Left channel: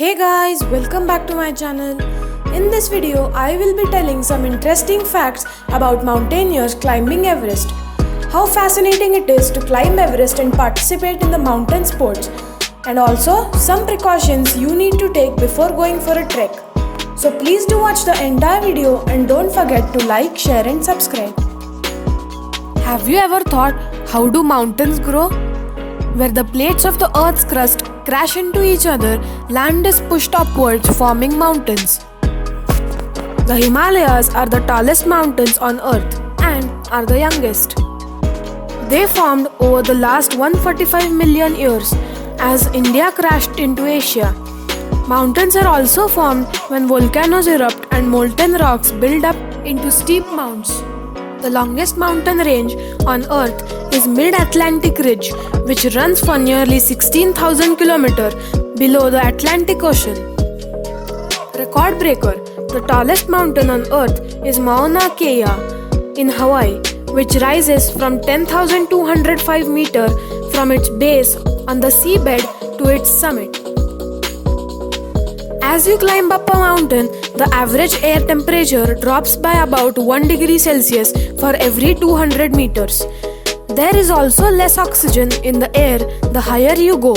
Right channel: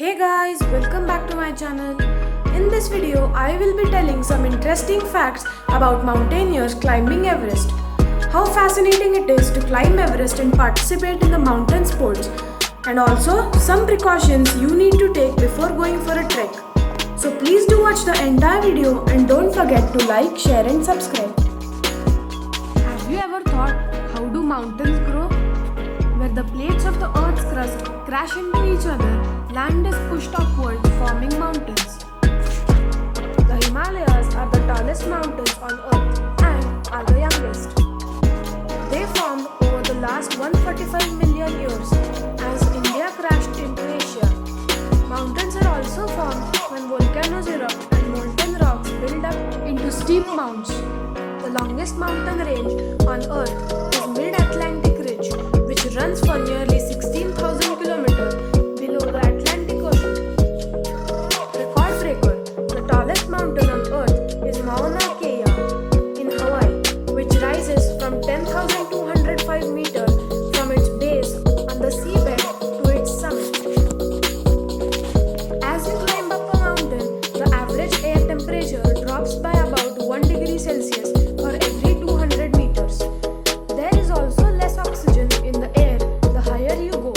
Hey guys, welcome back to my channel. In this video, I will be telling some interesting facts about mountaineers climbing Everest. How fascinating it is to climb Everest and participate in the mountain sports. And also, some precautions you need to take before going for a trek. So please do watch the entire video and don't forget to like, share and subscribe. Have you ever thought, how do mountains grow? Where the plates of the Earth's crust crash into each other, land is pushed upwards, forming mountains. The Himalayas are the tallest mountains on Earth and are the youngest. They formed over the last 145 million years as India crashed into Asia. Mountains are also formed when volcanoes erupt and molten rocks build up into steep mounds. The longest mountain range on Earth is Mid-Atlantic Ridge, which runs for nearly 16,000 kilometers below the Atlantic Ocean. Record breaker, the tallest mountain on Earth is Mauna Kea in Hawaii, which rises from 10,205 meters from its base on the seabed to its summit. As you climb up a mountain, the average air temperature drops by about 1 degree Celsius for every 200 meters. There is also less oxygen in the air the higher you go.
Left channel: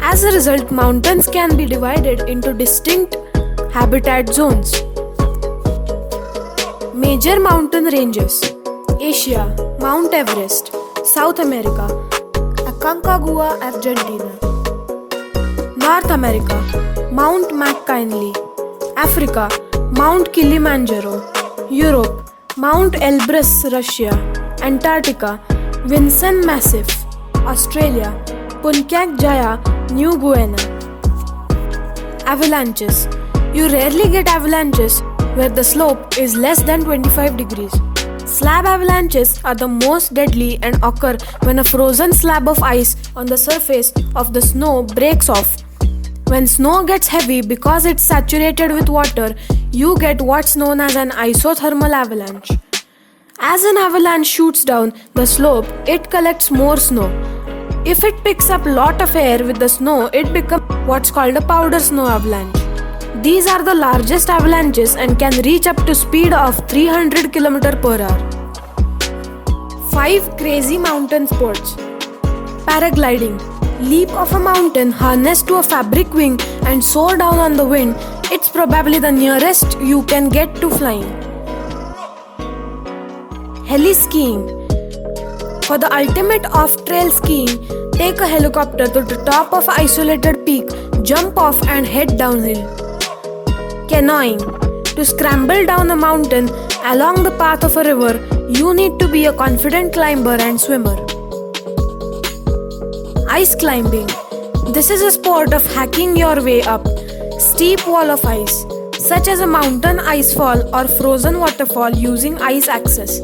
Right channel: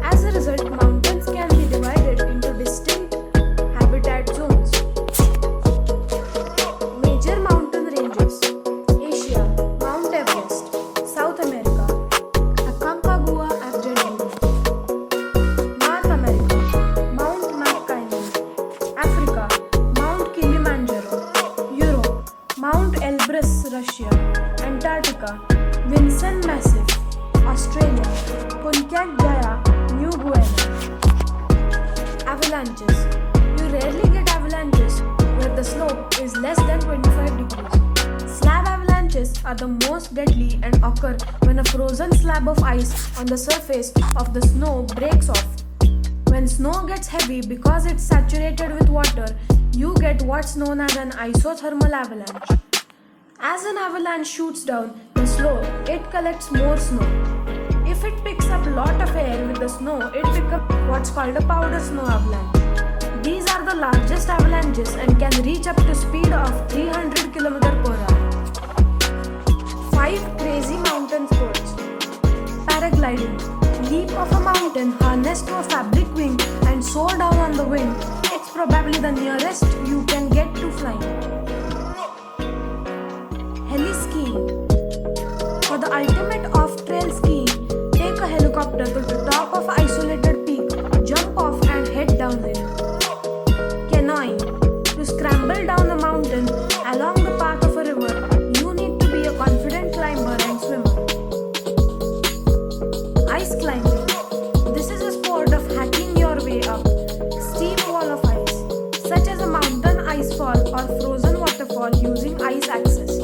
As a result, mountains can be divided into distinct habitat zones. Major mountain ranges: Asia, Mount Everest; South America, Aconcagua, Argentina; North America, Mount McKinley; Africa, Mount Kilimanjaro; Europe, Mount Elbrus, Russia; Antarctica, Vinson Massif; Australia, Puncak Jaya, New Guinea. Avalanches. You rarely get avalanches where the slope is less than 25 degrees. Slab avalanches are the most deadly and occur when a frozen slab of ice on the surface of the snow breaks off. When snow gets heavy because it's saturated with water, you get what's known as an isothermal avalanche. As an avalanche shoots down the slope, it collects more snow. If it picks up a lot of air with the snow, it becomes what's called a powder snow avalanche. These are the largest avalanches and can reach up to speed of 300 km per hour. 5 crazy mountain sports. Paragliding. Leap off a mountain harnessed to a fabric wing and soar down on the wind. It's probably the nearest you can get to flying. Heli-skiing. For the ultimate off-trail skiing, take a helicopter to the top of an isolated peak, jump off and head downhill. Canoeing. To scramble down a mountain along the path of a river, you need to be a confident climber and swimmer. Ice climbing. This is a sport of hacking your way up steep wall of ice, such as a mountain icefall or frozen waterfall using ice access.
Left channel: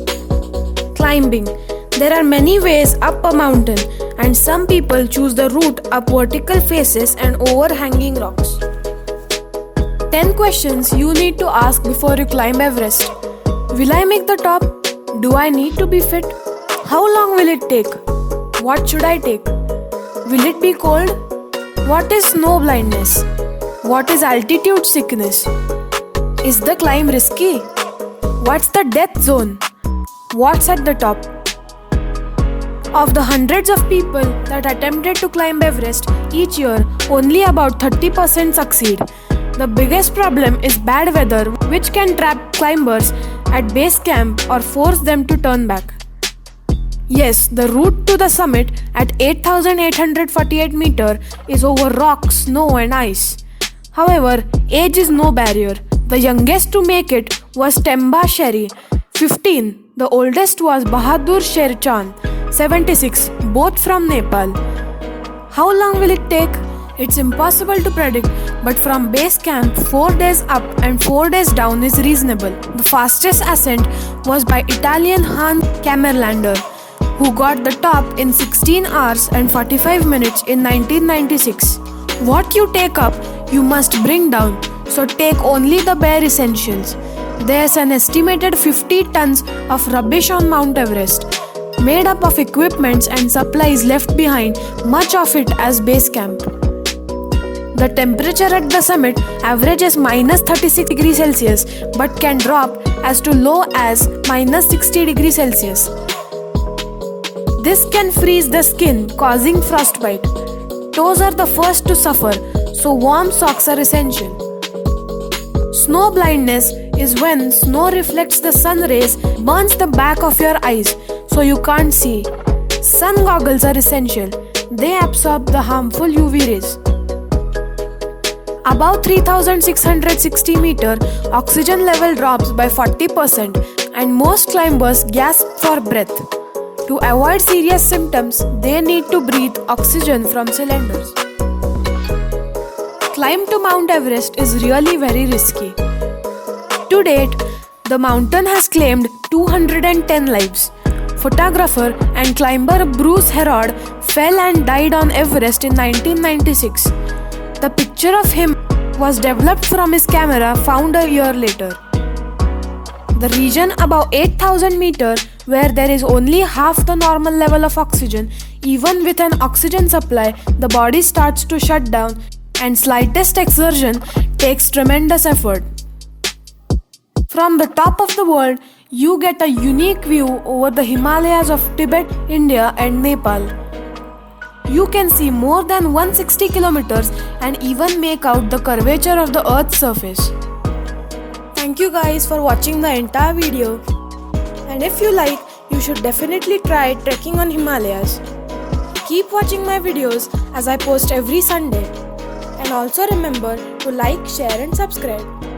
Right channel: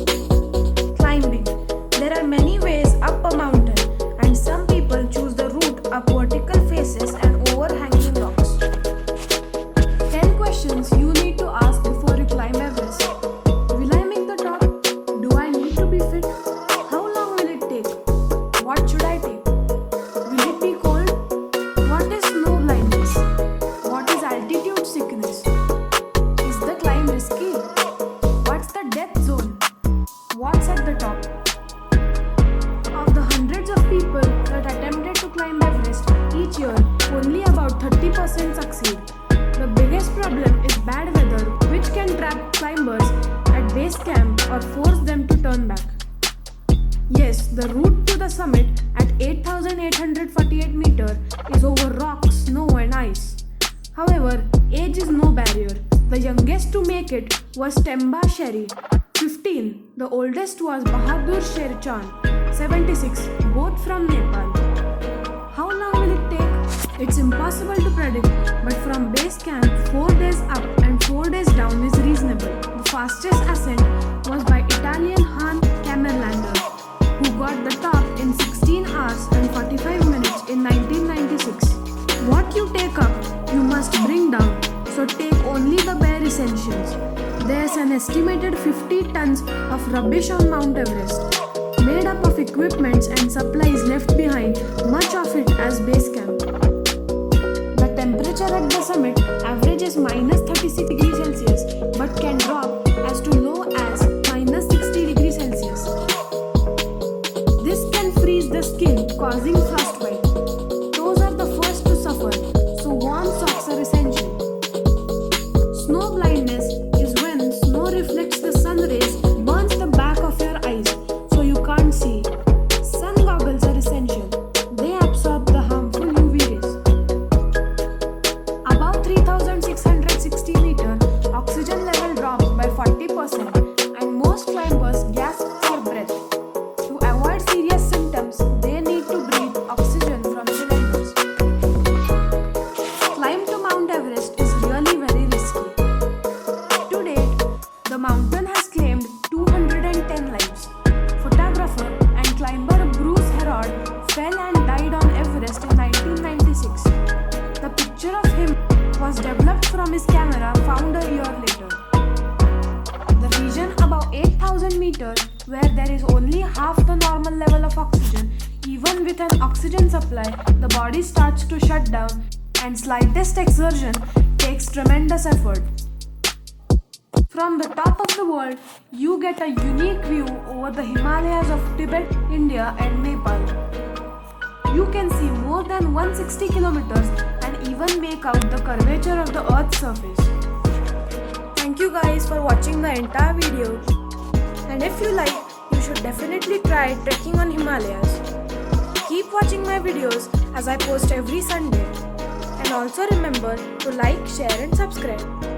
Climbing. There are many ways up a mountain, and some people choose the route up vertical faces and overhanging rocks. 10 questions you need to ask before you climb Everest. Will I make the top? Do I need to be fit? How long will it take? What should I take? Will it be cold? What is snow blindness? What is altitude sickness? Is the climb risky? What's the death zone? What's at the top? Of the hundreds of people that attempted to climb Everest each year, only about 30% succeed. The biggest problem is bad weather, which can trap climbers at base camp or force them to turn back. Yes, the route to the summit at 8,848 meters is over rock, snow and ice. However, age is no barrier. The youngest to make it was Temba Sherry, 15. The oldest was Bahadur Sher Chand, 76, both from Nepal. How long will it take? It's impossible to predict, but from base camp, 4 days up and 4 days down is reasonable. The fastest ascent was by Italian Hans Kammerlander, who got the top in 16 hours and 45 minutes in 1996. What you take up, you must bring down, so take only the bare essentials. There's an estimated 50 tons of rubbish on Mount Everest, made up of equipments and supplies left behind, much of it as base camp. The temperature at the summit averages minus 36 degrees Celsius but can drop as to low as minus 60 degrees Celsius. This can freeze the skin, causing frostbite. Toes are the first to suffer, so warm socks are essential. Snow blindness is when snow reflects the sun rays, burns the back of your eyes, so you can't see. Sun goggles are essential. They absorb the harmful UV rays. Above 3660 meter, oxygen level drops by 40% and most climbers gasp for breath. To avoid serious symptoms, they need to breathe oxygen from cylinders. Climb to Mount Everest is really very risky. To date, the mountain has claimed 210 lives. Photographer and climber Bruce Herod fell and died on Everest in 1996. The picture of him was developed from his camera found a year later. The region above 8,000 meters, where there is only half the normal level of oxygen, even with an oxygen supply, the body starts to shut down and slightest exertion takes tremendous effort. From the top of the world, you get a unique view over the Himalayas of Tibet, India and Nepal. You can see more than 160 kilometers and even make out the curvature of the Earth's surface. Thank you guys for watching the entire video. And if you like, you should definitely try trekking on Himalayas. Keep watching my videos as I post every Sunday. And also remember to like, share and subscribe.